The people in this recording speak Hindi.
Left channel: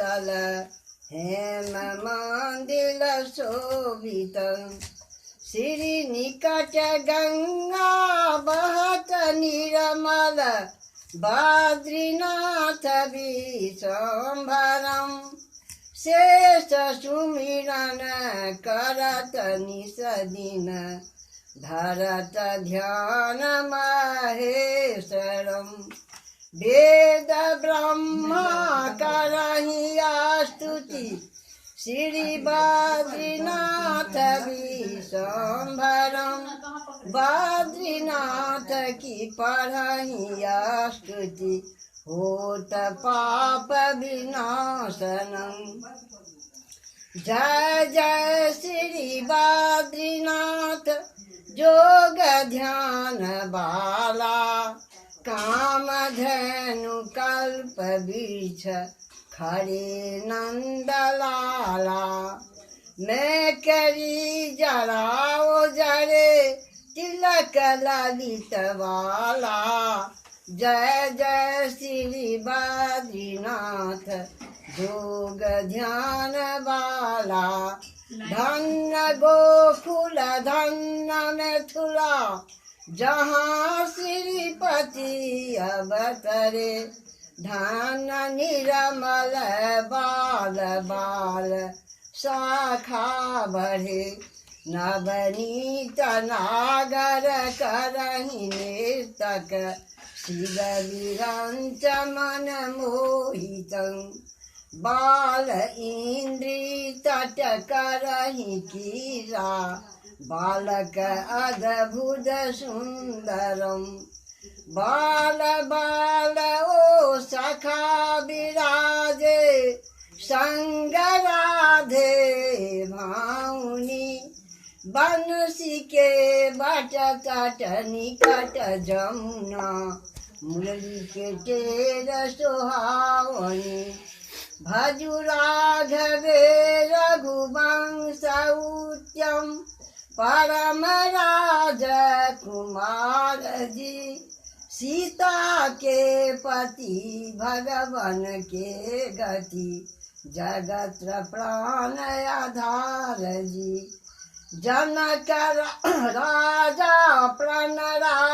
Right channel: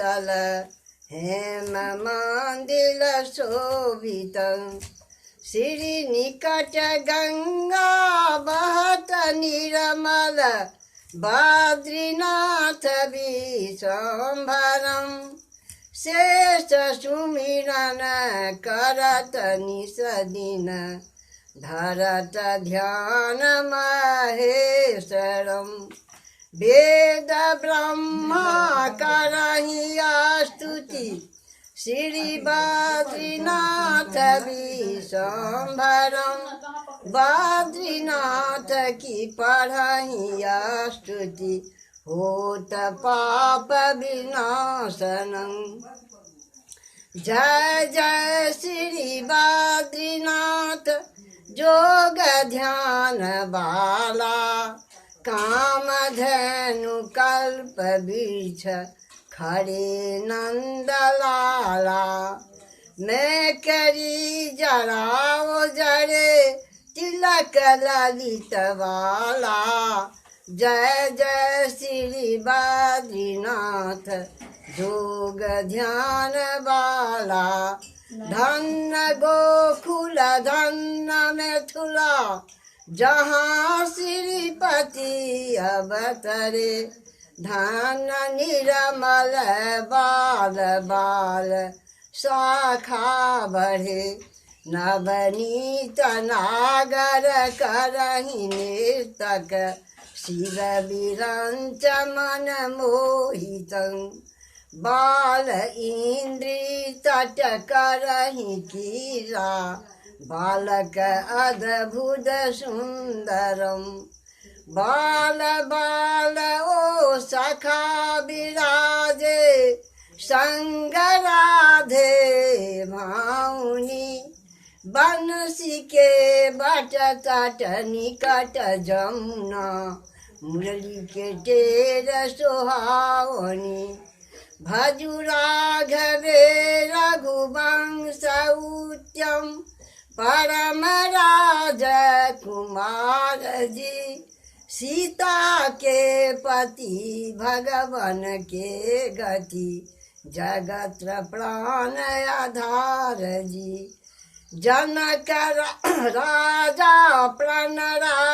शीतल हेम मंदिर शोभित श्रीनिकट गंगा बहत निर्मल बद्रीनाथ विश्वम्भरम् शेष सुमिरन करत निस दिन धरत ध्यान महेश्वरम् वेद ब्रह्मा करहि स्तुति श्री बद्रीनाथ विश्वम्भरम् बद्रीनाथ की पढ़हि स्तुति होत पाप विनाशनम् जय जय श्री बद्रीनाथ जोग ध्यान बाला काम धनु कल्प वृक्ष खड़े नंद लाला मैं करी जराओ जरे तिलक ललित वाला जय जय श्री बद्रीनाथ जोग ध्यान बाला धन्य गोकुल धन्य मिथिला जहाँ श्रीपति अवतरे धन्य निर्मल बाल बाल शाखा बढ़े नवनीत नागर करहि नर्तक शिव विरंच मन मोहितं बाल इंद्री तट करहि कीरा बालक अद्भुत सुंदरम बाल बाल ओ सखा विराजे संग राधे भाउनी बंसी के बट तट निकट जमुना मुरली के टेर सुहावनी भजु राघवे रघुवंश उत्तम परम राज कुमार जी सीता के पति भगवन के गति जगत प्राण आधार जी जनक राजा प्रण